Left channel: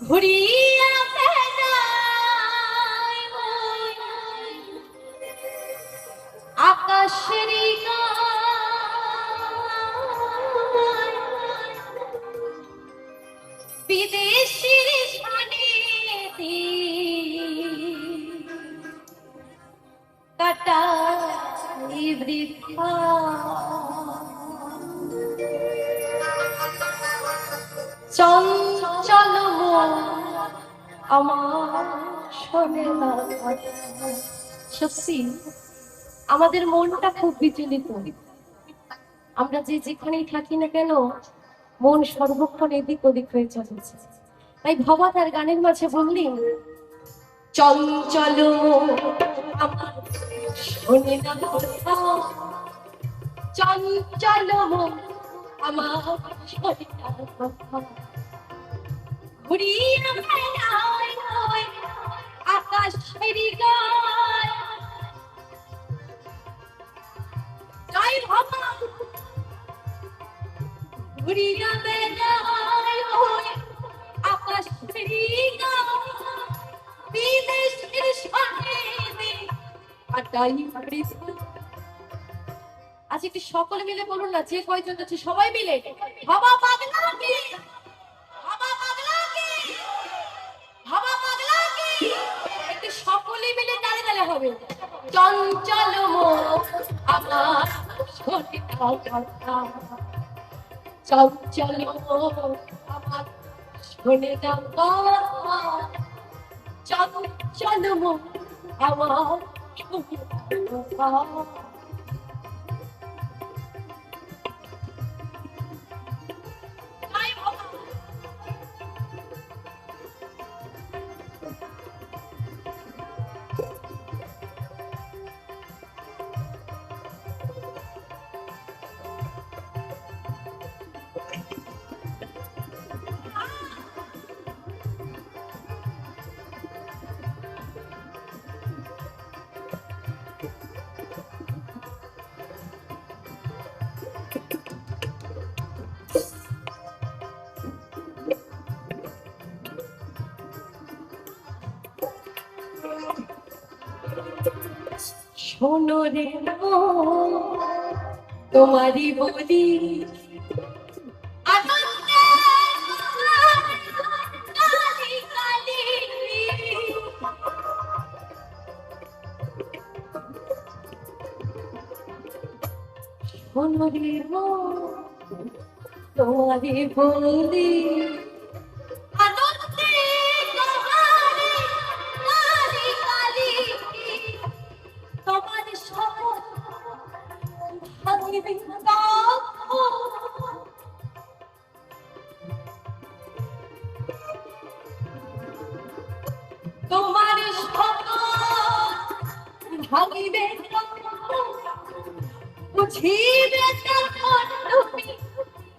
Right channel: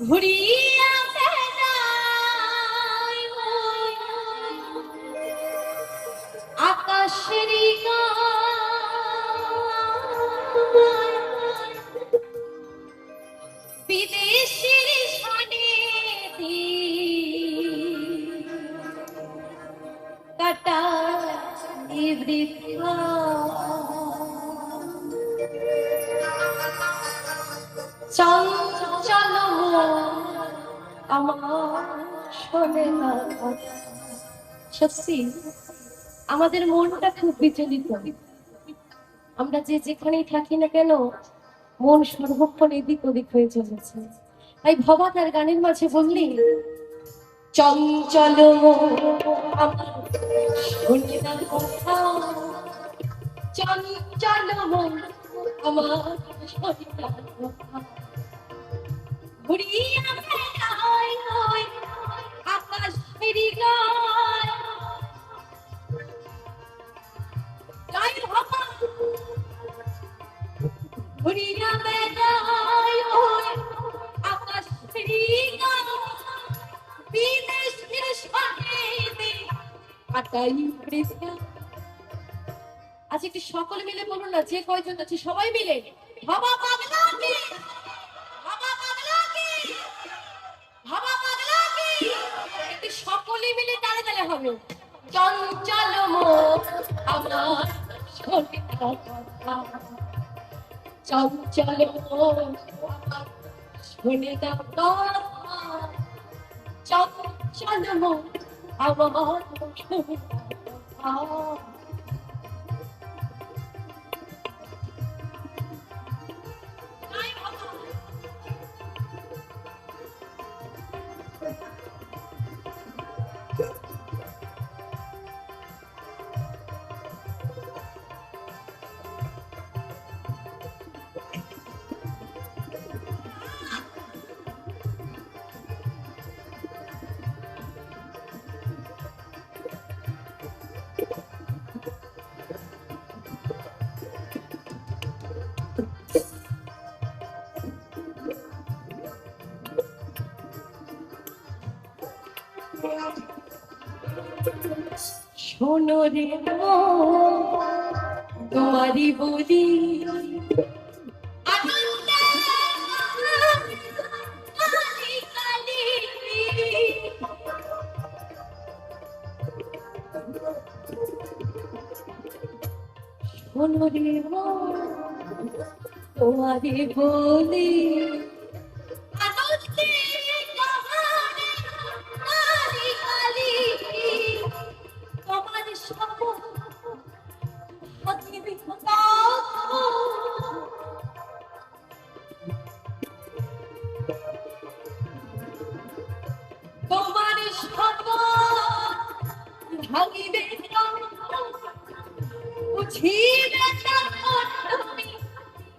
ঘুরিয়া বেড়াই আকাশের গায়, বিদেশির শানে কাটাই বৃথা। চঞ্চল আমার শোনে না কথা। সত্যি আমাদের মনটা খুব বিচলিত। আমরা যে যেখানেই থাকি না কেন মন সর্বক্ষণ এদিক ওদিক হয়ে চলেছে। তাই ভবা তার গানের মাঝে বললি, চঞ্চল আমার শোনে না কথা, চঞ্চল আমার শোনে না কথা। ঘুরিয়া বেড়াই আকাশের গায়, যাই ভাবা ঘুরিয়া বেড়াই আকাশের গায়, বিদেশের শানে কাটাই বৃথা। আজ একটু সকলে মিলে বলুন না, যে কয়জন আছে সবাই মিলে, বাবা পাগলা কি, বাবা পাগলা কি, বাবা পাগলা কি। একটু সকলে মিলে তালে তালে হবে। চঞ্চল আমার শোনে না কথা, চঞ্চল আমার শোনে না কথা, চঞ্চল আমার শোনে না কথা। শোনো রে তোমারই বলি, আনন্দে কালি কালি, শোনো রে তোমারই বলি, আনন্দে কালি কালি, তোমার শপথ ভাঙিবে তোমার শপথ ভাঙিবে, বুঝিবে তখন তুমি,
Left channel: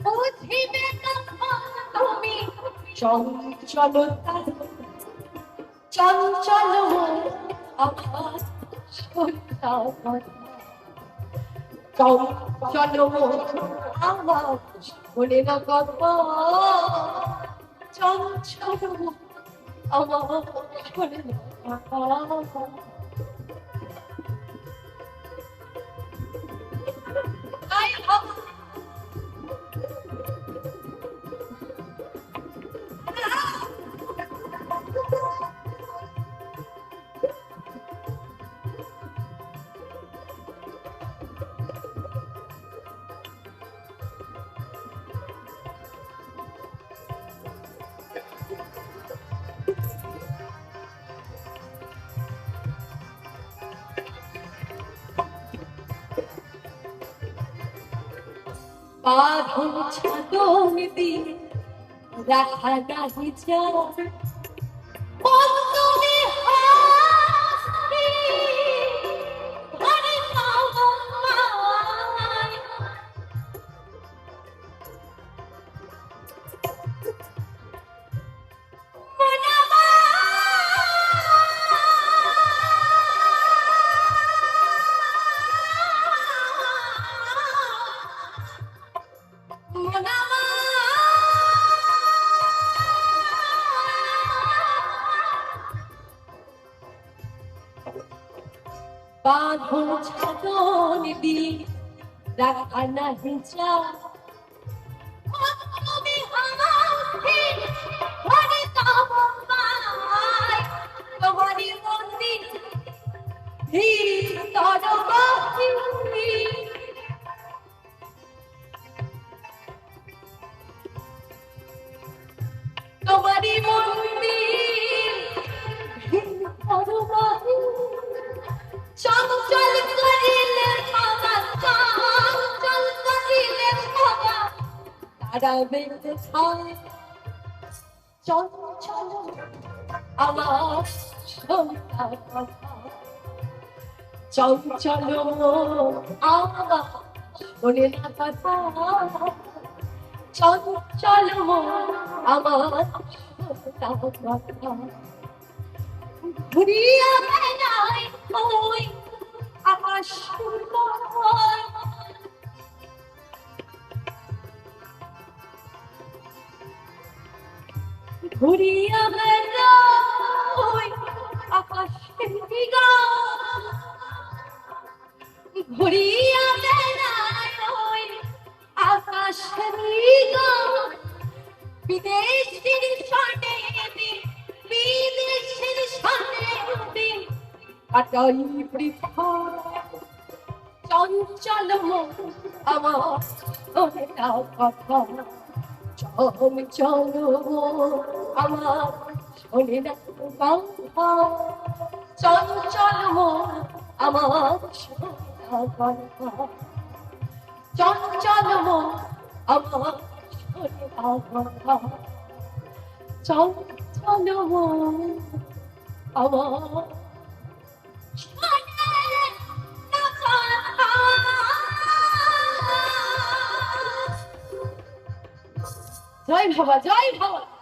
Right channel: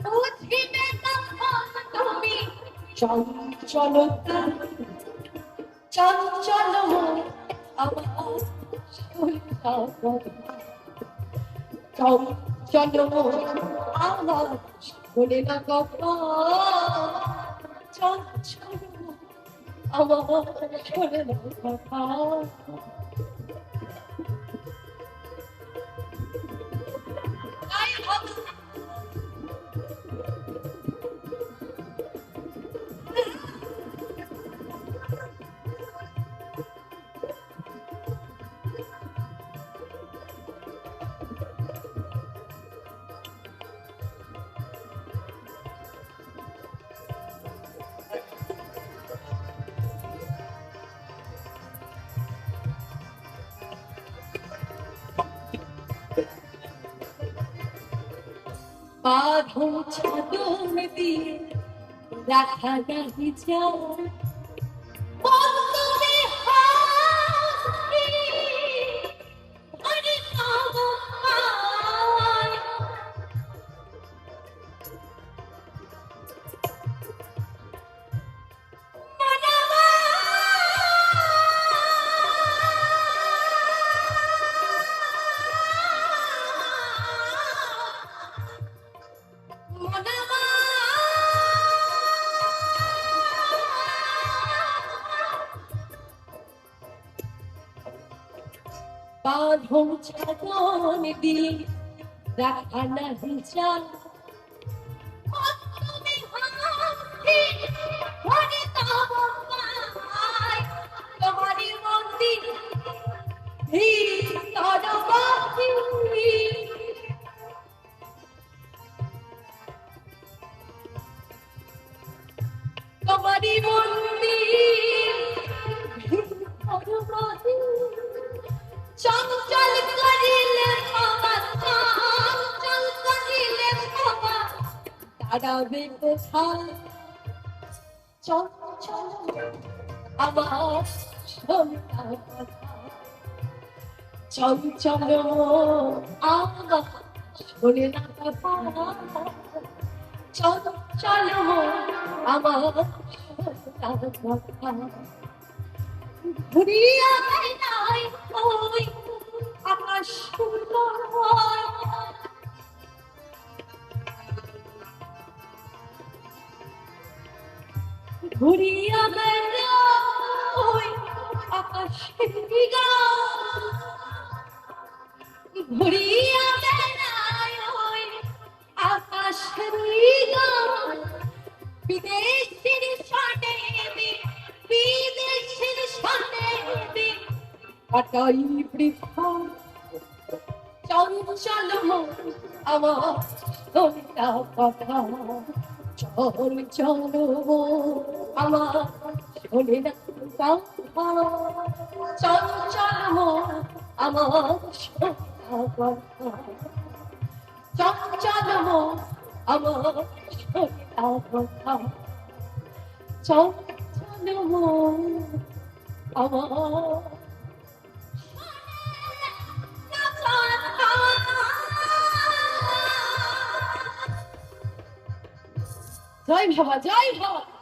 বুঝিবে তখন তুমি চঞ্চলতা, চঞ্চল আমার শোনে না কথা, চঞ্চল আমার শোনে না কথা, চঞ্চল আমার শোনে না কথা। বাঁধন ছাদন দিয়ে রাখা নাহি যায়, বন্ধনে হাসি ঘরে পাওয়ায়, মনাবা মনাবা বাঁধন ছাগল দিয়ে রাখা নাহি যা তুমি হাসি ঘরে তব পাই তোমারই মন্দির ভিতর বাসি তোমারই মন্দির ভিতর বাসি চঞ্চল করিলে বাবা চঞ্চল করিলে বাবা দাঁড়াবে কোথায় চঞ্চল আমার সন্তান কথা চঞ্চল আমার শোনে না কথা চঞ্চল আমার সন্তান কথা ঘুরিয়া বেড়ায় ওই আকাশ ঘুরিয়া বেড়ায় ওই আকাশের ঘুরিয়া বেড়ায় ওই আকাশের বিদেশির সনে বিদেশির সনে কাটাই বৃথা চঞ্চল আমার শোনা কথা চঞ্চল আমার শোনে না কথা চঞ্চল আমার শোনা কথা চঞ্চল আমার শোনা কথা চঞ্চল আমার জয় বাবা জয় বাবা।